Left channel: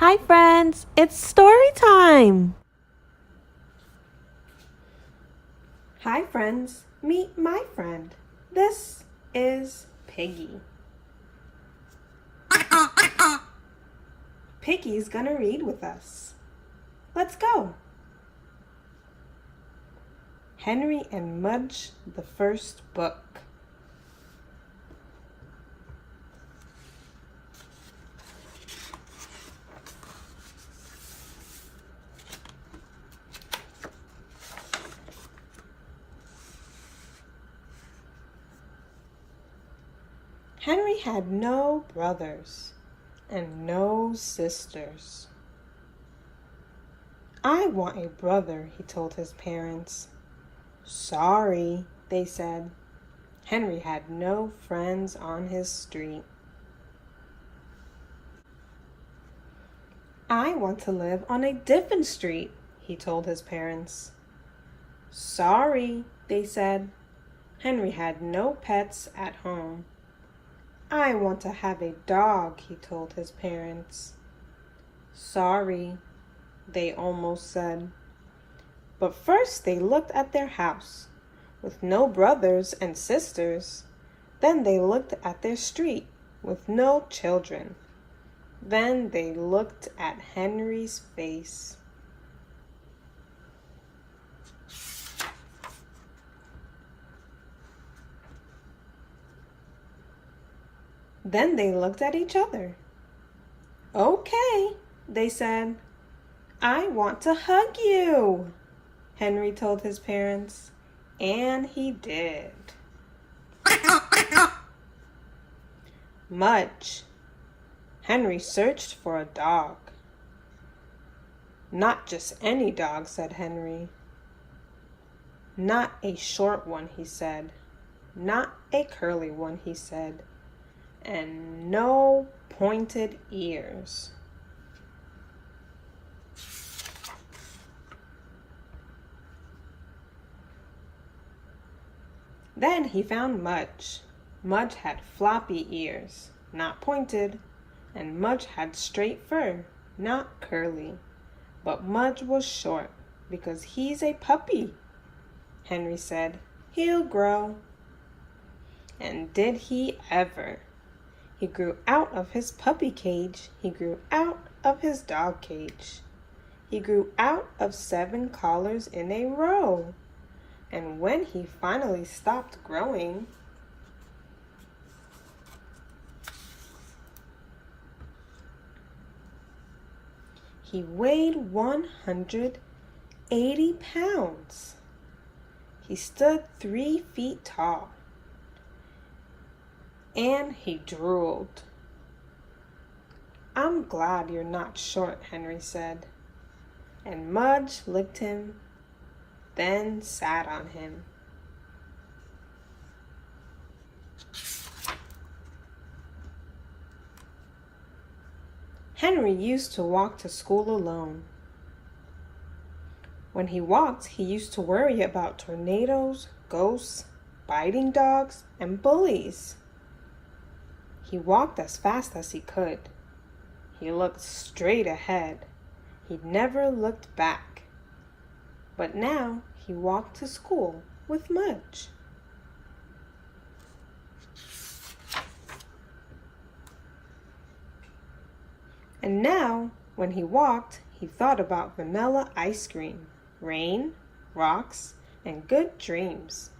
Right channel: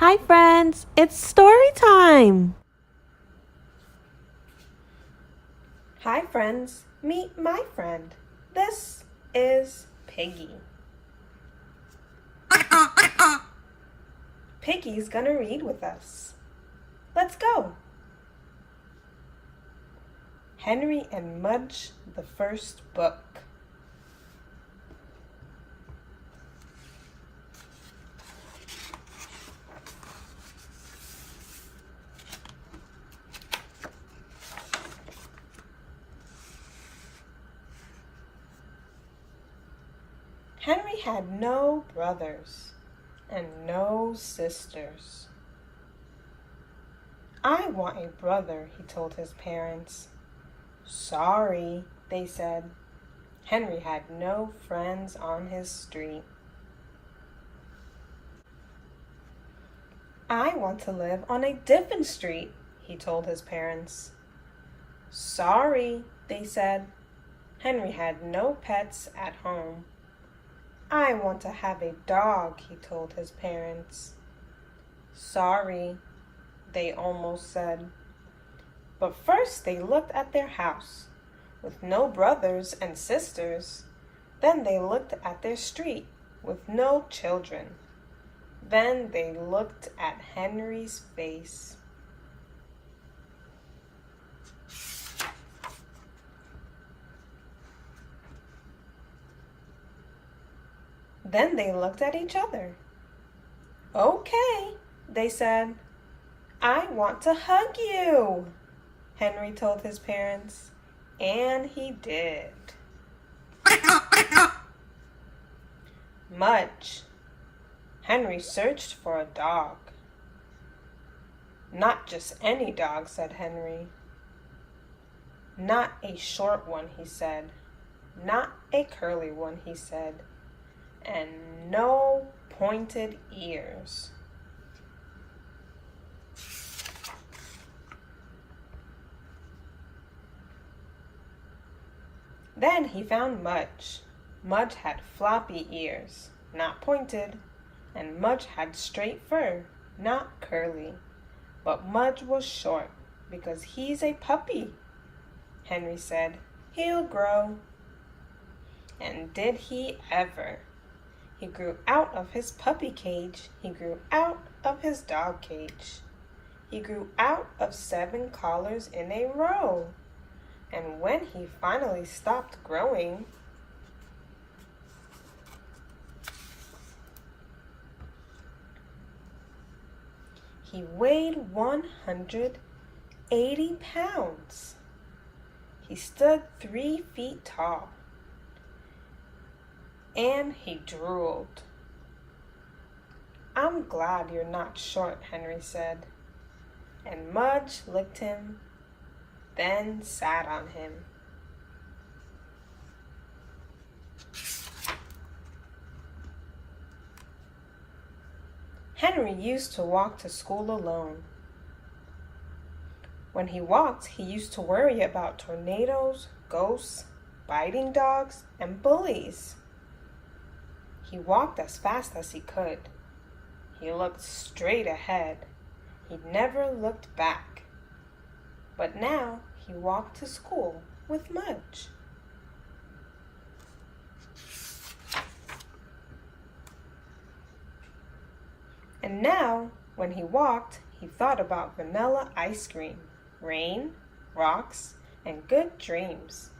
Hi friends, it's story time! Hi friends, meet my friend. This is Piggy. Piggy's gonna read with us. Let's go! Henry and Mudge, the first book. Henry had no brothers and no sisters. I want a brother, he told his parents. Sorry, they said. Henry had no friends on his street. I want to live on a different street, he told his parents. Sorry, they said. Henry had no pets at home. I want to have a dog, he told his parents. Sorry, they almost said. But first they looked at their house, with no brothers and sisters. Then they looked at their street, with no children. Then they looked at Henry's face. Then they looked at each other. Okay, they said. I want to hug you, Henry told his parents, and he did. Mudge. Henry searched for a dog. Not just any dog, said Henry. Not a short one, he said. Not a curly one, he said. And no pointed ears. Then he found Mudge. Mudge had floppy ears, not pointed, and Mudge had straight fur, not curly. But Mudge was short because he's a puppy, Henry said. He'll grow. And did he ever? He grew out of his puppy cage. He grew out of his dog cage. He grew out of 7 collars in a row. And when he finally stopped growing, he weighed 180 pounds. He stood 3 feet tall. And he drooled. I'm glad you're not short, Henry said. And Mudge licked him, then sat on him. Henry used to walk to school alone. When he walked, he used to worry about tornadoes, ghosts, biting dogs, and bullies. He walked as fast as he could. He looked straight ahead. He never looked back. But now he walked to school with Mudge. And now, when he walked, he thought about vanilla ice cream, rain, rocks, and good dreams.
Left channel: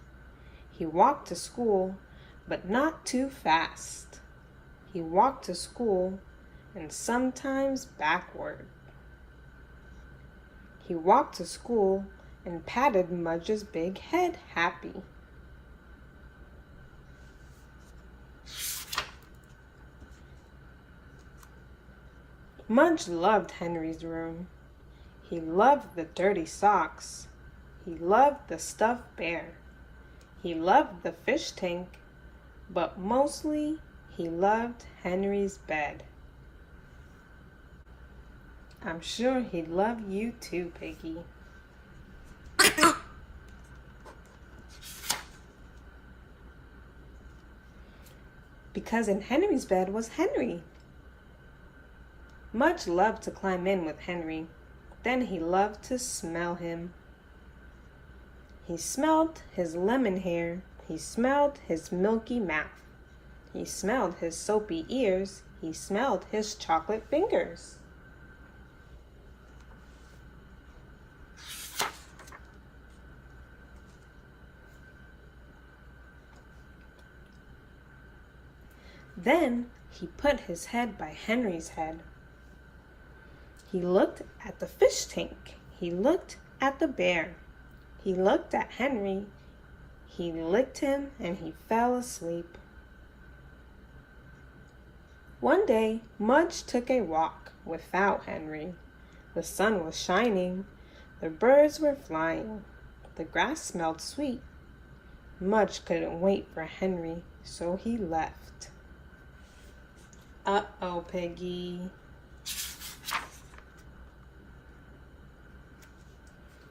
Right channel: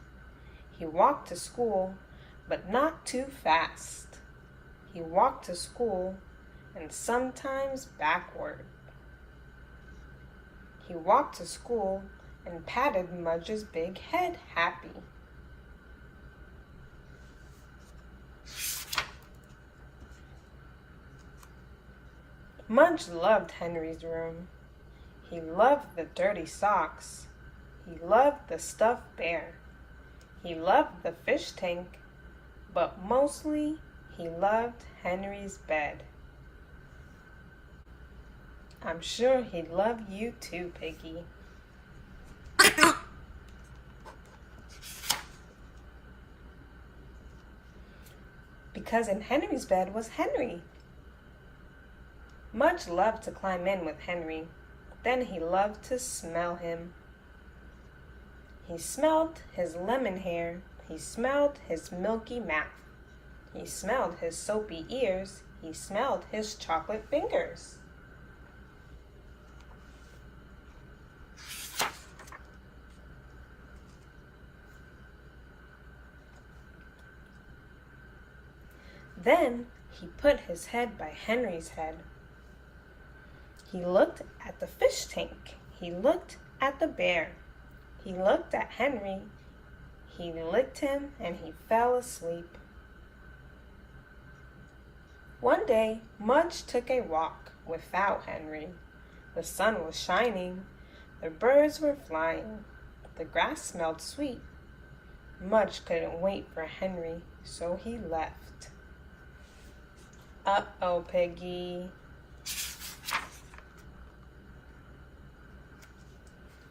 He walked to school, but not too fast. He walked to school and sometimes backward. He walked to school and patted Mudge's big head happy. Mudge loved Henry's room. He loved the dirty socks. He loved the stuffed bear. He loved the fish tank, but mostly he loved Henry's bed. I'm sure he'd love you too, Piggy. Because in Henry's bed was Henry. Mudge loved to climb in with Henry. Then he loved to smell him. He smelled his lemon hair. He smelled his milky mouth. He smelled his soapy ears. He smelled his chocolate fingers. Then he put his head by Henry's head. He looked at the fish tank. He looked at the bear. He looked at Henry. He licked him and he fell asleep. One day, Mudge took a walk without Henry. The sun was shining. The birds were flying. The grass smelled sweet. Mudge couldn't wait for Henry, so he left. Uh-oh, Piggy.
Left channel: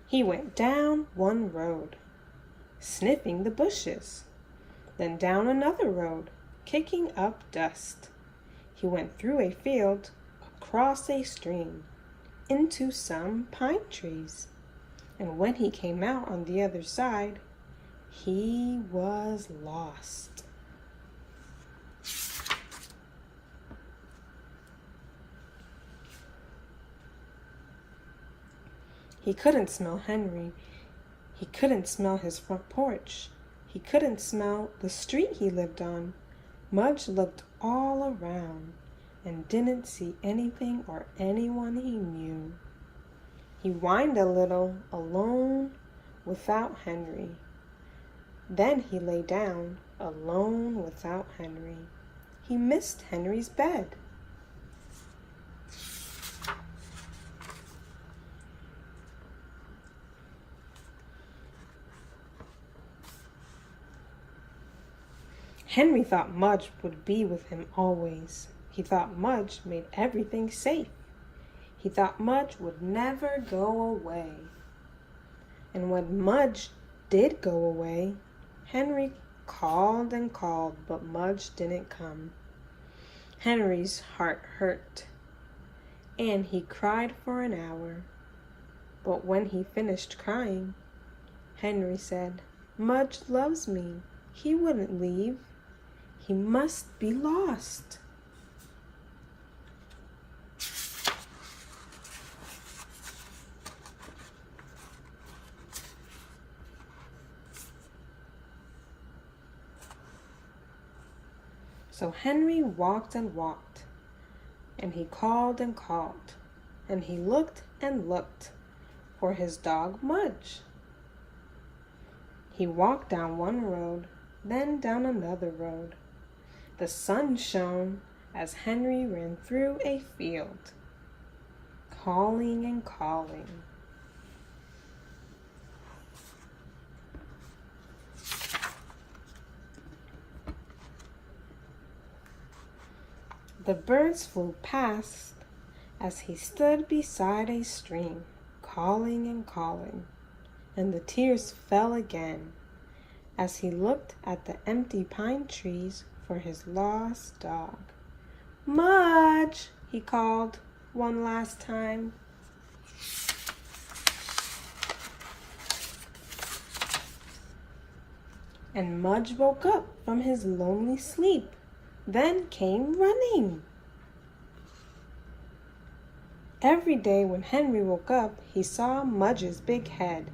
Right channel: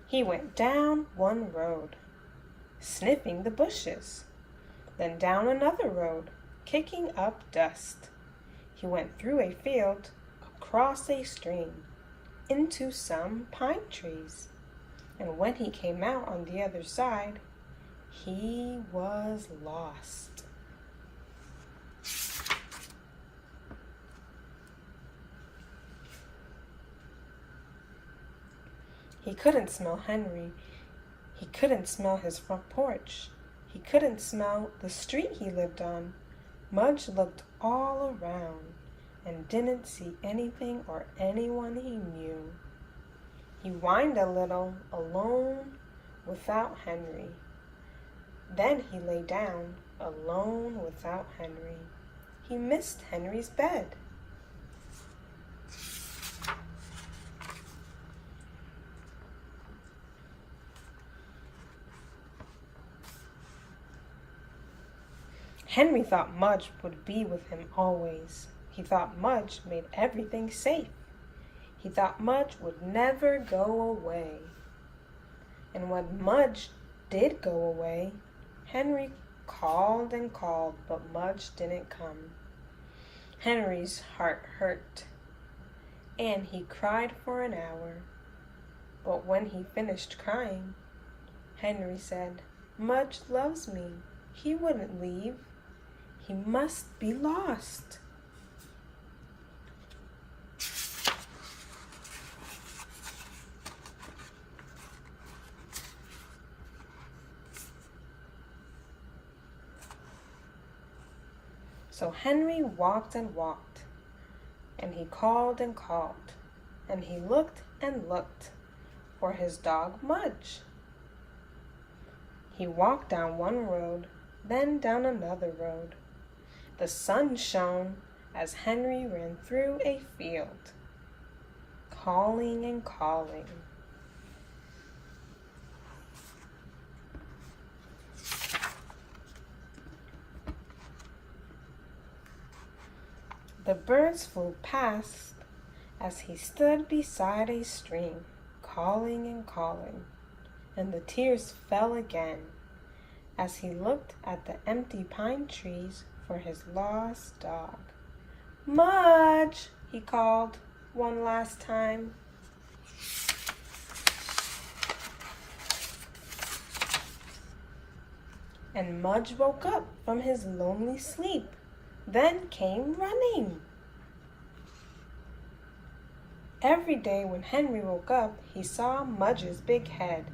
He went down one road, sniffing the bushes, then down another road, kicking up dust. He went through a field, across a stream, into some pine trees. And when he came out on the other side, he was lost. He couldn't smell Henry. He couldn't smell his front porch. He couldn't smell the street he lived on. Mudge looked all around and didn't see anything or anyone he knew. He whined a little, alone, without Henry. Then he lay down, alone, without Henry. He missed Henry's bed. Henry thought Mudge would be with him always. He thought Mudge made everything safe. He thought Mudge would never go away. And when Mudge did go away, Henry called and called, but Mudge didn't come. Henry's heart hurt, and he cried for an hour. But when he finished crying, Henry said, "Mudge loves me. He wouldn't leave. He must be lost." So Henry walked and walked, and he called and called, and he looked and looked for his dog Mudge. He walked down one road, then down another road. The sun shone as Henry ran through a field, calling and calling. The birds flew past as he stood beside a stream, calling and calling, and the tears fell again as he looked at the empty pine trees for his lost dog. "Mudge!" he called one last time. And Mudge woke up from his lonely sleep, then came running. Every day when Henry woke up, he saw Mudge's big head.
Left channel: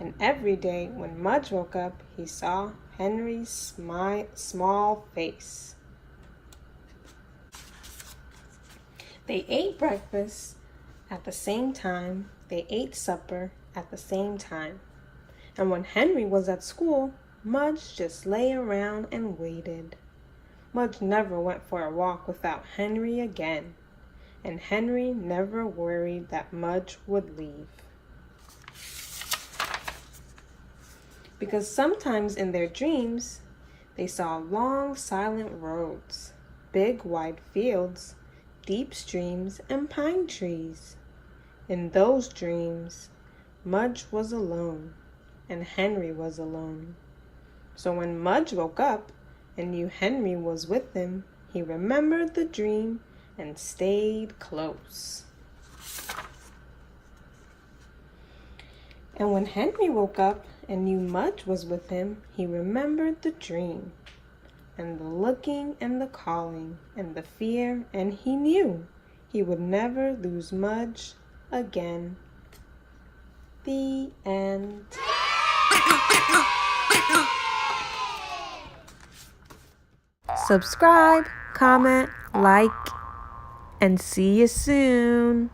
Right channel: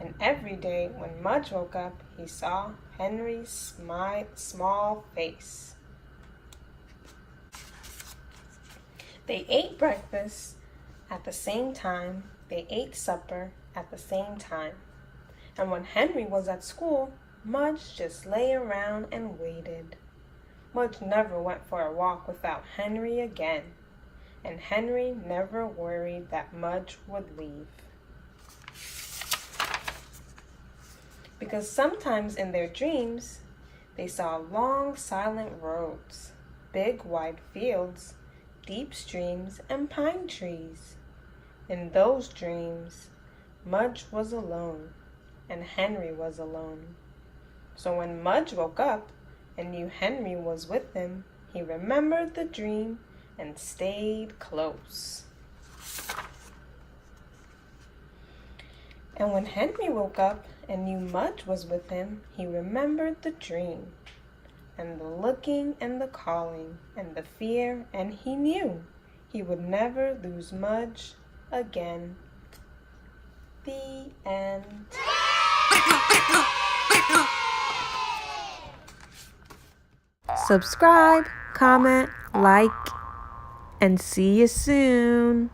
And every day when Mudge woke up, he saw Henry's small face. They ate breakfast at the same time. They ate supper at the same time. And when Henry was at school, Mudge just lay around and waited. Mudge never went for a walk without Henry again. And Henry never worried that Mudge would leave. Because sometimes in their dreams, they saw long silent roads, big wide fields, deep streams, and pine trees. In those dreams, Mudge was alone, and Henry was alone. So when Mudge woke up and knew Henry was with him, he remembered the dream and stayed close. And when Henry woke up and knew Mudge was with him, he remembered the dream, and the looking and the calling, and the fear, and he knew he would never lose Mudge again. The end. Subscribe, comment, like, and see you soon.